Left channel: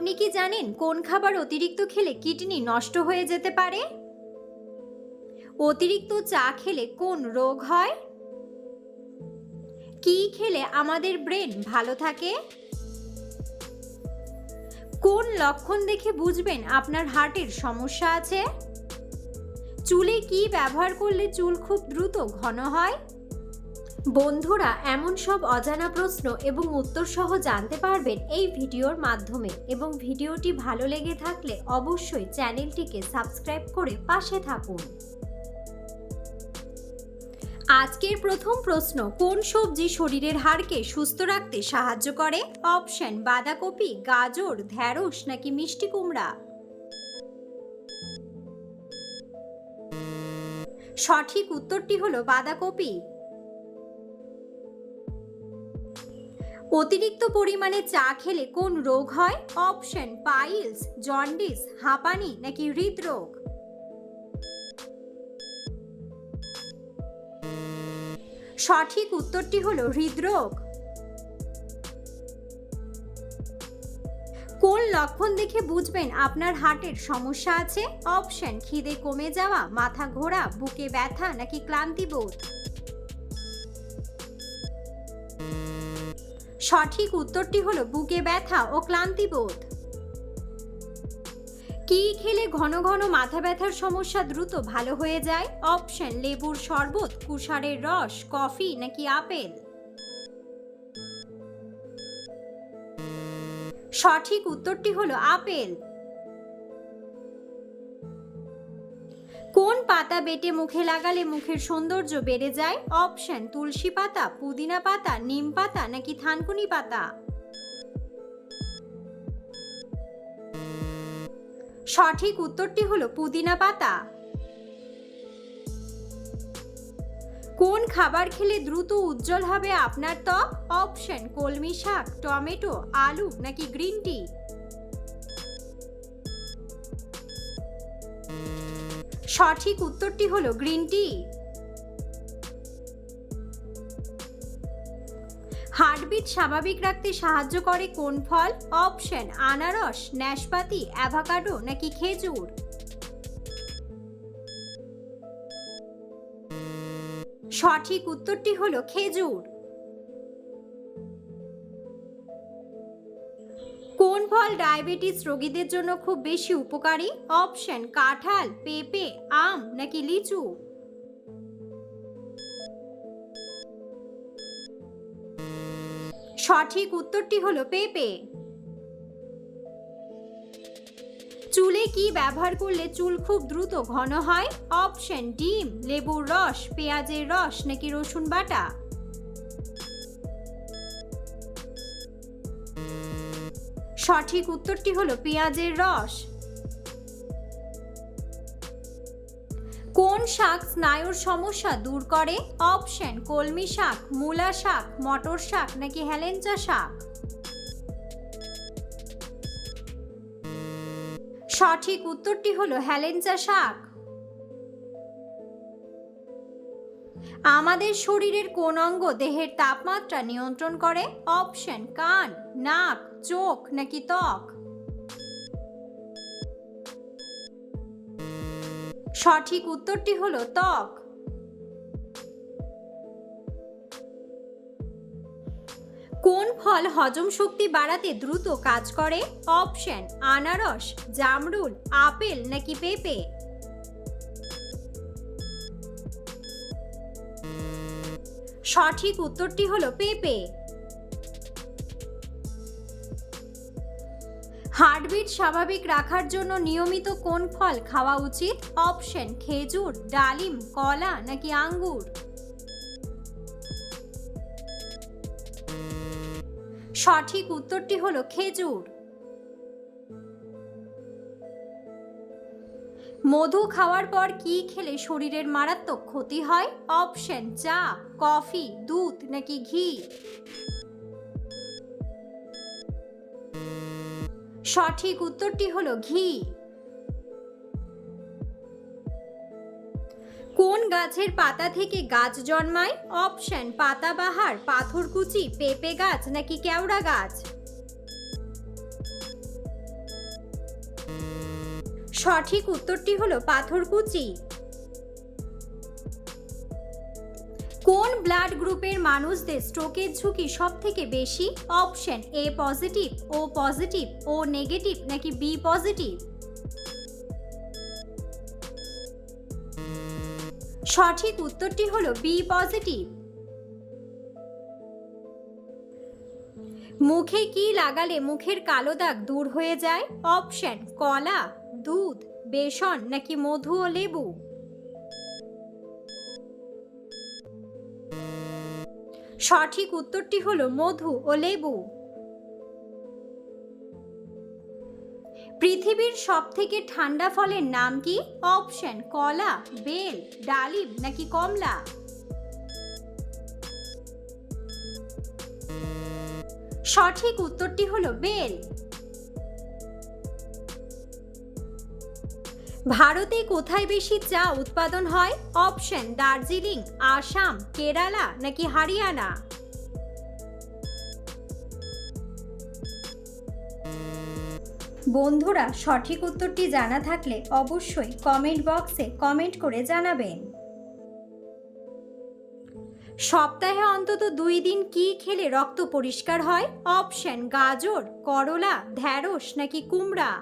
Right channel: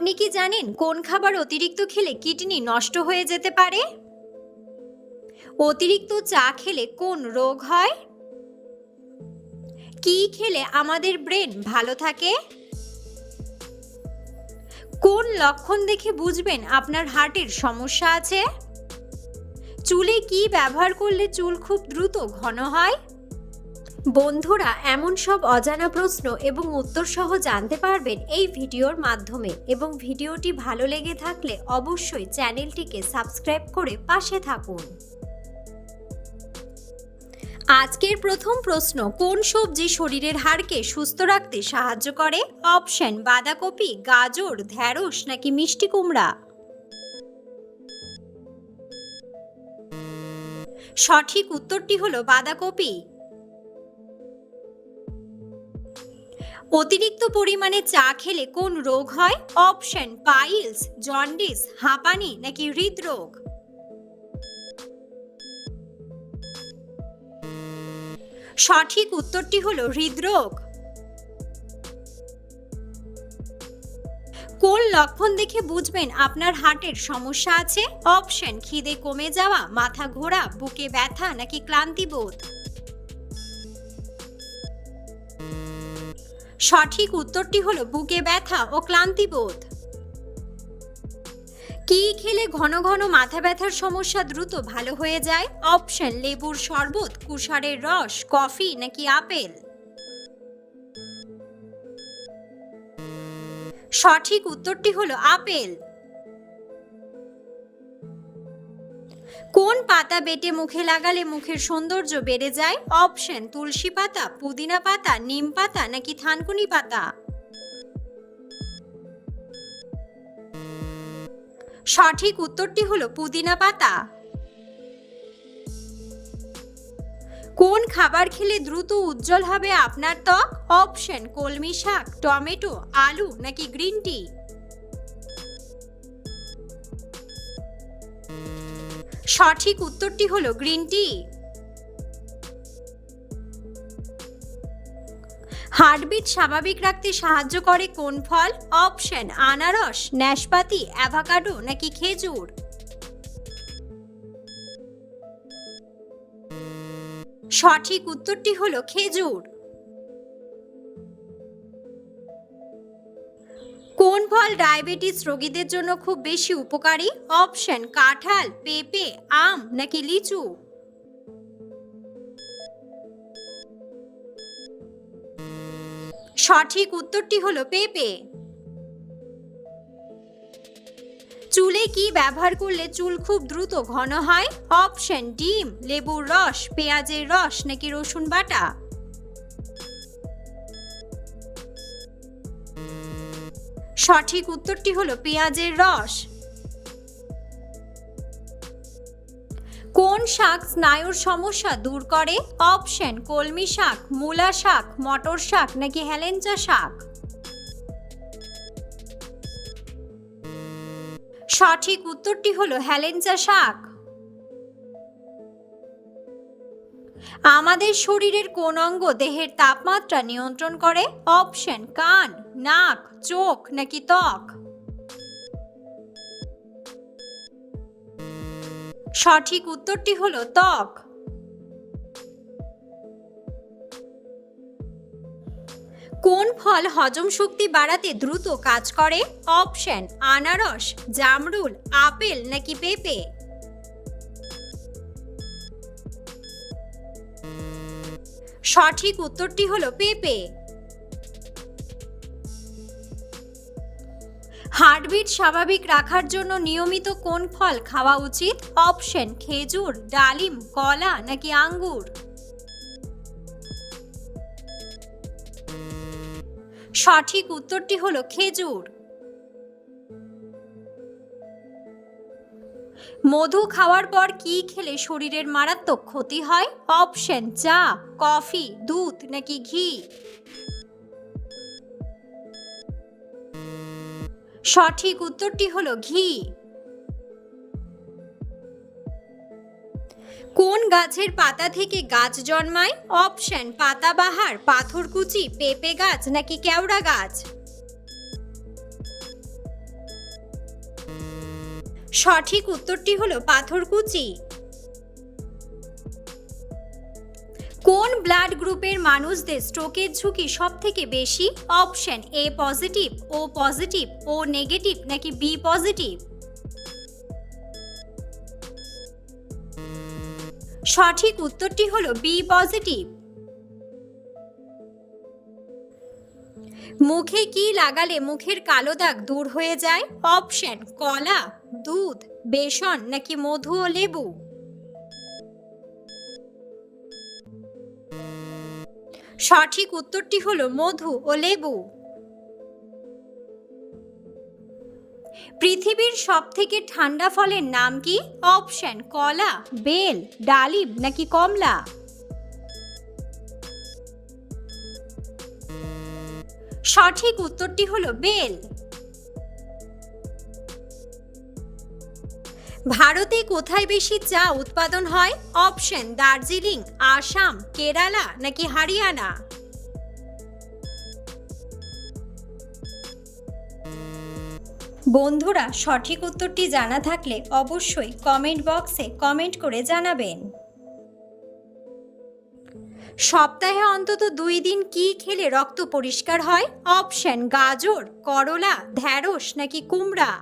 আপনি কি জানেন কোন খাবার অতিরিক্ত খেলে কিডনি নষ্ট হয়ে যেতে পারে? অতিরিক্ত চা খেলে কোন রোগ হয়? কি খেলে আমাদের ব্রেন ভালো থাকে? কোন লক্ষণ দেখে বুঝবেন আপনার হার্টের সমস্যা আছে? চুলে কি ব্যবহার করলে চুল খুব দ্রুত ঘন হয়? বন্ধুরা, এমন সব অজানা প্রশ্ন এবং উত্তর সহ জানতে পারবেন এই ভিডিওর মাধ্যমে, এবং ভিডিওটি ভালো লেগে থাকলে অবশ্যই চ্যানেলটিকে সাবস্ক্রাইব করে পাশে থাকুন। আজকের প্রথম প্রশ্ন, কোন সবজি শরীরের হাড়কে সুস্থ রাখতে সাহায্য করে? অপশন: বাঁধাকপি, গাজর, ঢ্যাঁড়স নাকি মিষ্টি কুমড়া। সঠিক উত্তরটি হলো বাঁধাকপি। অতিরিক্ত পরিমাণে চা খেলে কোন রোগ হয়? অপশন: পাইলস, জন্ডিস, হাঁপানি নাকি হৃদরোগ। সঠিক উত্তরটি হলো হৃদরোগ। কোন লক্ষণ দেখে বুঝবেন আপনার হার্টের সমস্যা আছে? অপশন: খিদে কমে যাওয়া, মাথা ঘোরা, বুকে ব্যথা নাকি ক্লান্তিবোধ। সঠিক উত্তরটি হলো বুকে ব্যথা ও ক্লান্তিবোধ। কি খেলে ঘন ঘন মাথা ব্যথার সমস্যা দ্রুত ভালো হয়ে যায়? অপশন: লেবুর শরবত, কুশারের রস, কফি নাকি আপেল। সঠিক উত্তরটি হলো আপেল। কোন পাতা বেটে মুখে লাগালে মুখের সৌন্দর্য বেড়ে যায়? অপশন: তুলসী পাতা, পুদিনা পাতা, নিম পাতা নাকি থানকুনি পাতা। সঠিক উত্তরটি হলো পুদিনা পাতা। কোন খাবার খেলে দ্রুত উজ্জ্বল হবে আপনার ত্বক? অপশন: কলমি শাক, টমেটো, আলু নাকি গ্রিন টি। সঠিক উত্তরটি হলো গ্রিন টি। হার্টবিট স্বাভাবিক রাখতে সাহায্য করে কোন ফল? অপশন: আনারস, নাশপাতি, অ্যাভোকাডো নাকি খেজুর। সঠিক উত্তরটি হলো খেজুর। কোন ফল ডায়াবেটিস রোগীদের জন্য খুব বেশি উপকারী? অপশন: কাঁঠাল, পেঁপে, আম নাকি লিচু। সঠিক উত্তরটি হলো পেঁপে। চুলে কি ব্যবহার করলে চুল খুব দ্রুত ঘন হয়? অপশন: ডিম, লেবুর রস, পেঁয়াজের রস নাকি রসুন বাটা। সঠিক উত্তরটি হলো পেঁয়াজের রস। কোন শাক স্নায়ুর সমস্যা দূর করে? অপশন: কলমি শাক, মূলা শাক, মটর শাক নাকি হেলেঞ্চা শাক। সঠিক উত্তরটি হলো হেলেঞ্চা শাক। আমাদের শরীরের কোন অঙ্গ দেহের তাপমাত্রা নিয়ন্ত্রণ করে? অপশন: কান, নাক, চোখ নাকি ত্বক। সঠিক উত্তরটি হলো ত্বক। কোন ফল হজম শক্তি বাড়াতে দ্রুত কাজ করে? অপশন: আনারস, জামরুল, আপেল নাকি পেঁপে। সঠিক উত্তরটি হলো পেঁপে। হার্টবিট স্বাভাবিক রাখার জন্য নিয়মিত কোন ফল খাওয়া উচিত? অপশন: খেজুর, ডালিম, কলা নাকি আঙ্গুর। সঠিক উত্তরটি হলো খেজুর। মধু খাওয়ার পর কি খেলে শরীরের মারাত্মক ক্ষতি হয়? অপশন: চা, কফি, দুধ নাকি ঘি। সঠিক উত্তরটি হলো ঘি। কোন গাছের পাতা থেকে গাছ জন্মায়? অপশন: পাতাবাহার, পাথরকুচি, পেঁপে গাছ নাকি কেওড়া গাছ। সঠিক উত্তরটি হলো পাথরকুচি। কোন ব্লাড গ্রুপের মানুষদের স্ট্রোকের ঝুঁকি সব থেকে বেশি? Option A positive, O positive, O negative নাকি বি পজিটিভ? সঠিক উত্তরটি হলো বি পজিটিভ। মুখে কি লাগালে মুখের কালো দাগ দূর হয়ে যায়? অপশন কলা, দুধ, বেসন নাকি মধু ও লেবু? সঠিক উত্তরটি হলো মধু ও লেবু। পৃথিবীর সবথেকে ঠান্ডা ফলের নাম কি? অপশন কলা, বেল, ডালিম নাকি কমলা? সঠিক উত্তরটি হলো বেল। ভারতে কোথায় বেশি চা উৎপাদন হয়? অপশন দার্জিলিং, আসাম, কেরালা নাকি হরিয়ানা? বন্ধুরা, সঠিক উত্তরটি জানা থাকলে অবশ্যই কমেন্ট বক্সে কমেন্ট করে জানাবেন। সপ্তাহে অন্তত 2 দিন কি খেলে রক্ত পরিষ্কার হয়? অপশন গাজর, করলা, ঢ্যাঁড়স নাকি কুমড়া?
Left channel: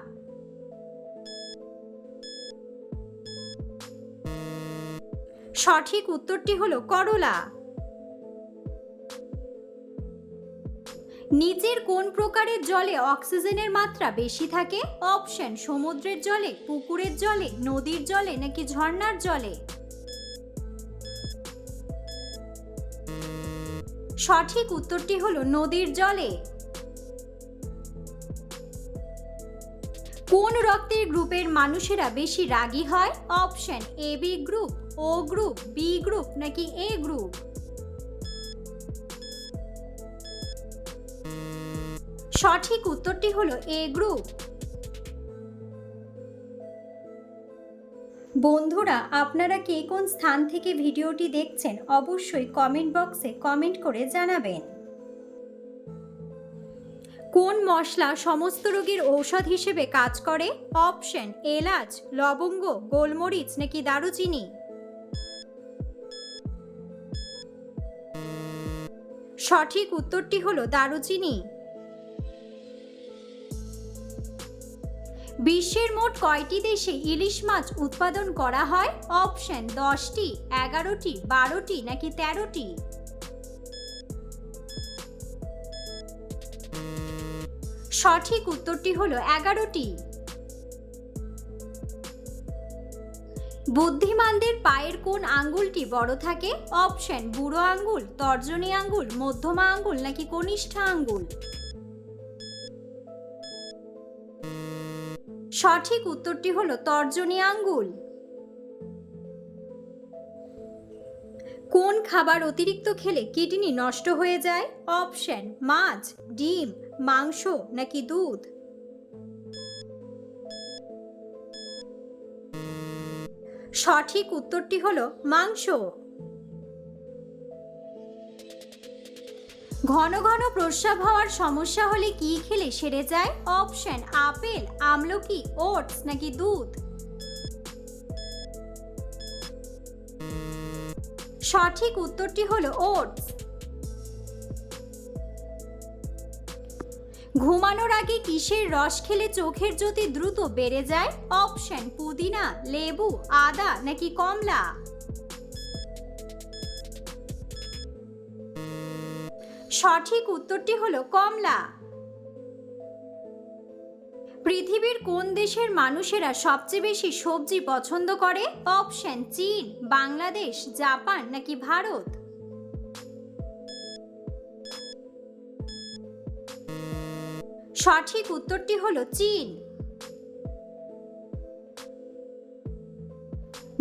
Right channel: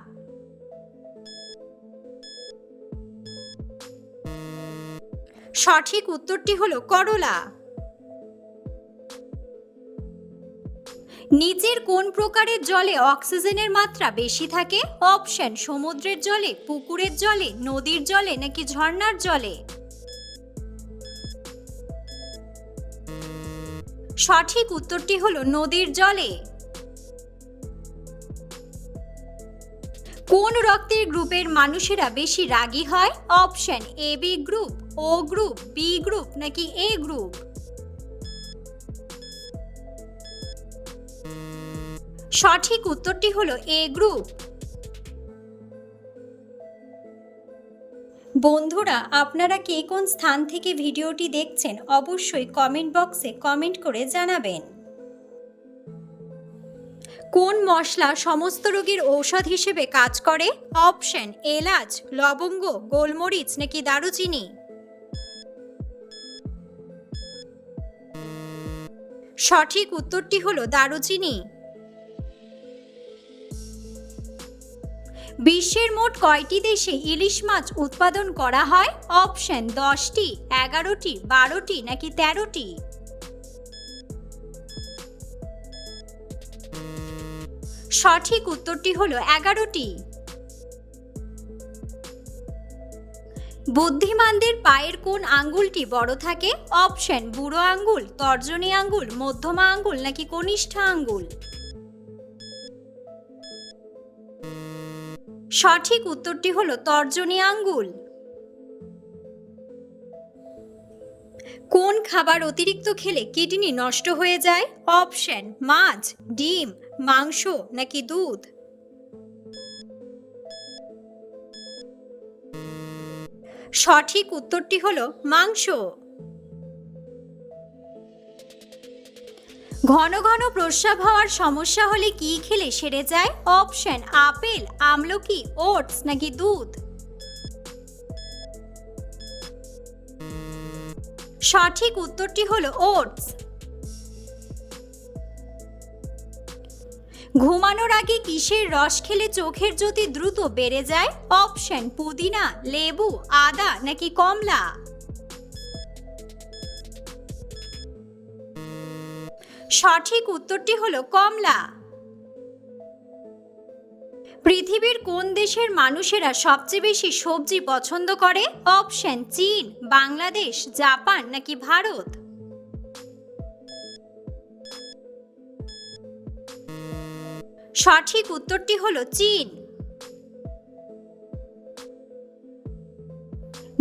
সঠিক উত্তরটি হলো করলা। নিচের কোন প্রকারের জলে অক্সিজেনের মাত্রা বেশি থাকে? অপশন সমুদ্রের জলে, পুকুরের জলে, নদীর জলে নাকি ঝর্ণার জলে? সঠিক উত্তরটি হলো নদীর জলে। কোন রক্তের গ্রুপের মানুষেরা বেশি রাগী হয়? Option A B group, O group, B group নাকি এ গ্রুপ? সঠিক উত্তরটি হলো এ গ্রুপ। বন্ধুরা, আপনারা কে কোন স্থান থেকে ভিডিওটি দেখছেন অবশ্যই কমেন্ট বক্সে কমেন্ট করে জানাবেন। কোন মশলা সমস্ত রোগের ঔষধ হিসেবে কাজ করে? অপশন এলাচ, লবঙ্গ, গোলমরিচ নাকি দারুচিনি? সঠিক উত্তরটি হলো দারুচিনি। বিশ্বের মোট কয়টি দেশে ইলিশ মাছ উৎপাদন করা হয়? অপশন 10টি, 11টি, 12টি নাকি 13টি? সঠিক উত্তরটি হলো 11টি। বুদ্ধিমানদের পায়ের কোন আঙ্গুলটি বড় থাকে? অপশন বুড়ো আঙ্গুল, তর্জনী আঙ্গুল, মধ্যমা আঙ্গুল নাকি কনিষ্ঠ আঙ্গুল? সঠিক উত্তরটি হলো তর্জনী আঙ্গুল। কোন খাবার অতিরিক্ত খেলে কিডনি নষ্ট হয়ে যায়? অপশন মাছ, ডিম, মাংস নাকি দুধ? সঠিক উত্তরটি হলো মাংস। ঘন ঘন প্রস্রাব হওয়ার সমস্যা হলে কি খেলে সেরে যায়? অপশন আপেল, আমলকি, ওটস নাকি দুধ? সঠিক উত্তরটি হলো ওটস। ঘুমানোর আগে কিসের রস খেলে চোখের জ্যোতি দ্রুত বেড়ে যায়? অপশন পুদিনা, লেবু, আদা নাকি কমলা? সঠিক উত্তরটি হলো কমলা। পৃথিবীর কোন দেশের মানুষেরা সবচেয়ে বেশি সবজি পছন্দ করে? অপশন চীন, বাংলাদেশ, জাপান নাকি ভারত? সঠিক উত্তরটি হলো চীন।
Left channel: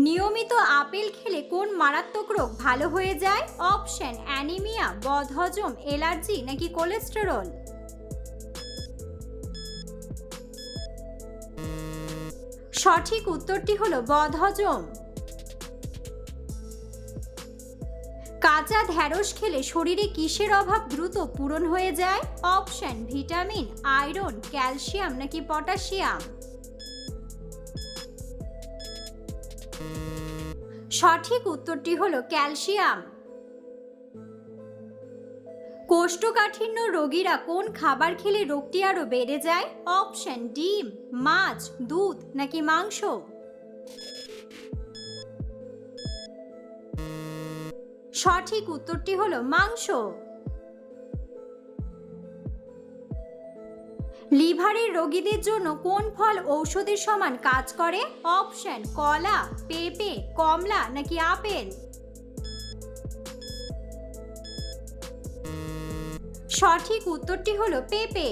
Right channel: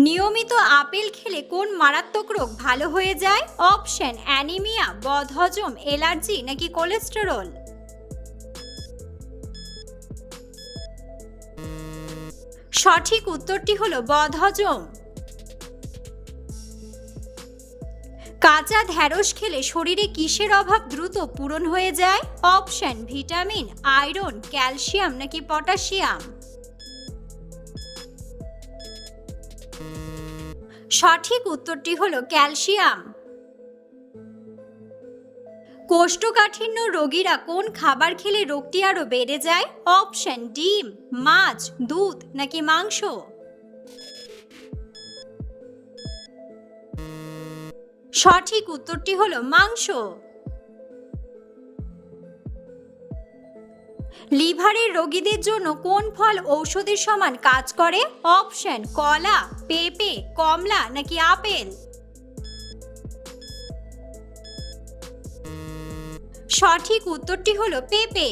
নিয়মিত আপেল খেলে কোন মারাত্মক রোগ ভালো হয়ে যায়? অপশন অ্যানিমিয়া, বদহজম, অ্যালার্জি নাকি কোলেস্টেরল? সঠিক উত্তরটি হলো বদহজম। কাঁচা ঢ্যাঁড়স খেলে শরীরে কিসের অভাব দ্রুত পূরণ হয়ে যায়? অপশন ভিটামিন, আয়রন, ক্যালসিয়াম নাকি পটাশিয়াম? সঠিক উত্তরটি হলো ক্যালসিয়াম। কোষ্ঠকাঠিন্য রোগীরা কোন খাবার খেলে রোগটি আরো বেড়ে যায়? অপশন: ডিম, মাছ, দুধ নাকি মাংস। সঠিক উত্তরটি হলো মাংস। লিভারের রোগীদের জন্য কোন ফল ঔষধের সমান কাজ করে? অপশন: কলা, পেঁপে, কমলা নাকি আপেল। সঠিক উত্তরটি হলো পেঁপে।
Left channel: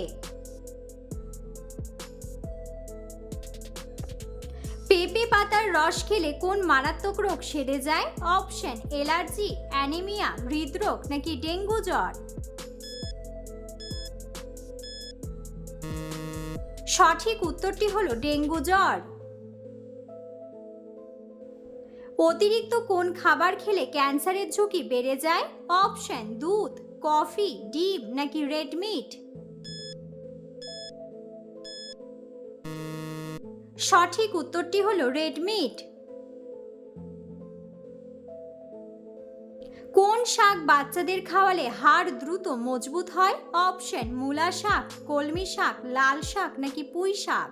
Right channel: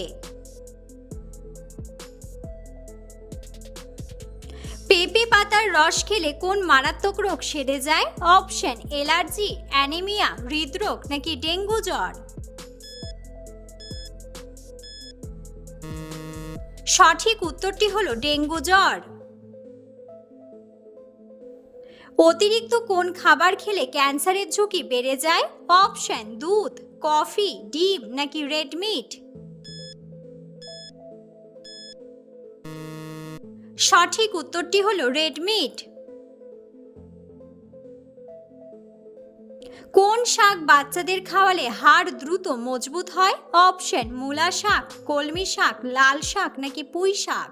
পেঁপে পাতার রস খেলে কোন মারাত্মক রোগ সেরে যায়? অপশন: অ্যালার্জি, অ্যানিমিয়া, হৃদরোগ নাকি ডেঙ্গু জ্বর। সঠিক উত্তরটি হলো ডেঙ্গু জ্বর। অতিরিক্ত কোন খাবার খেলে ক্যান্সারের ঝুঁকি বেড়ে যায়? অপশন: দুধ, কফি, ডিম নাকি রেড মিট। সঠিক উত্তরটি হলো রেড মিট। কোন শাক বাচ্চাদের খাওয়ালে হাড় দ্রুত মজবুত হয়? অপশন: মূলা শাক, কলমি শাক, লাল শাক নাকি পুঁই শাক।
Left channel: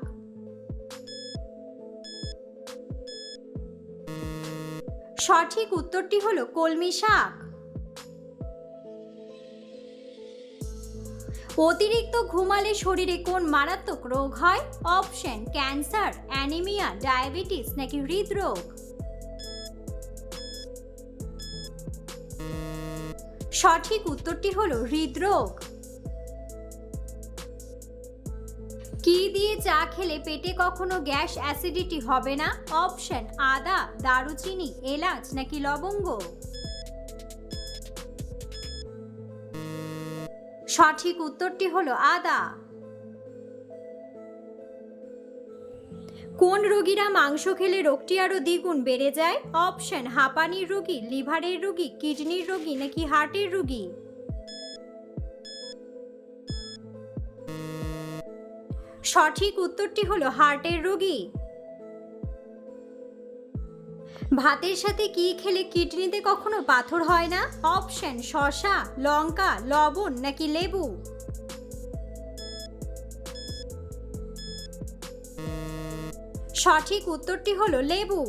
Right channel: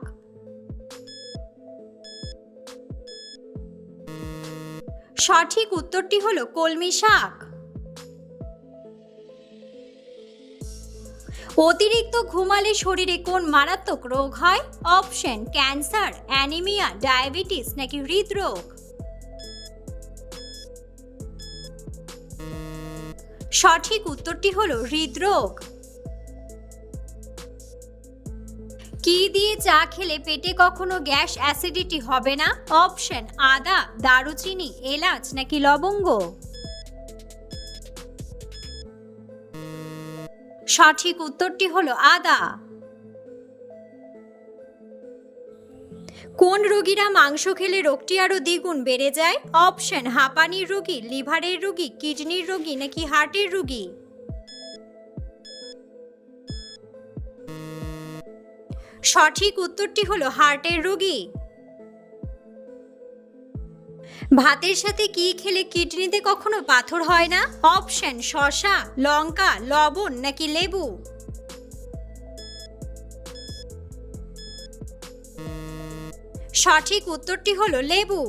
সঠিক উত্তরটি হলো কলমি শাক। অতিরিক্ত ঘুমালে শরীরে কোন মারাত্মক রোগ হয়? অপশন: ক্যান্সার, অ্যানিমিয়া, ডায়াবেটিস নাকি হৃদরোগ। সঠিক উত্তরটি হলো হৃদরোগ। কি দিয়ে চা খেলে পেটে কখনো গ্যাস অ্যাসিডিটি হবে না? অপশন: আদা, দারুচিনি, এলাচ নাকি লবঙ্গ। সঠিক উত্তরটি হলো আদা। কোন রোগীরা মাংস খেলে রোগটি আরো দ্বিগুণ বেড়ে যায়? অপশন: হাঁপানির রোগী, লিভারের রোগী, কিডনির রোগী নাকি হার্টের রোগী। সঠিক উত্তরটি হলো হার্টের রোগী। ভাতের সাথে কি খেলে কিডনিতে কখনো পাথর হয় না? অপশন: শসা, লঙ্কা, লবণ নাকি লেবু। সঠিক উত্তরটি হলো লেবু।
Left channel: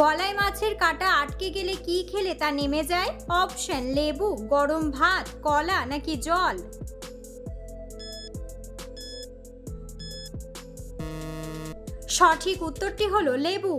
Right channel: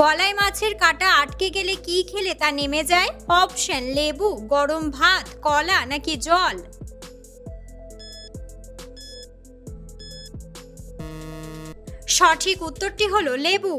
গলায় মাছের কাঁটা আটকে গেলে কি খেলে তা নেমে যায়? অপশন: লেবু, গরম ভাত, কলা নাকি জল। সঠিক উত্তরটি হলো লেবু।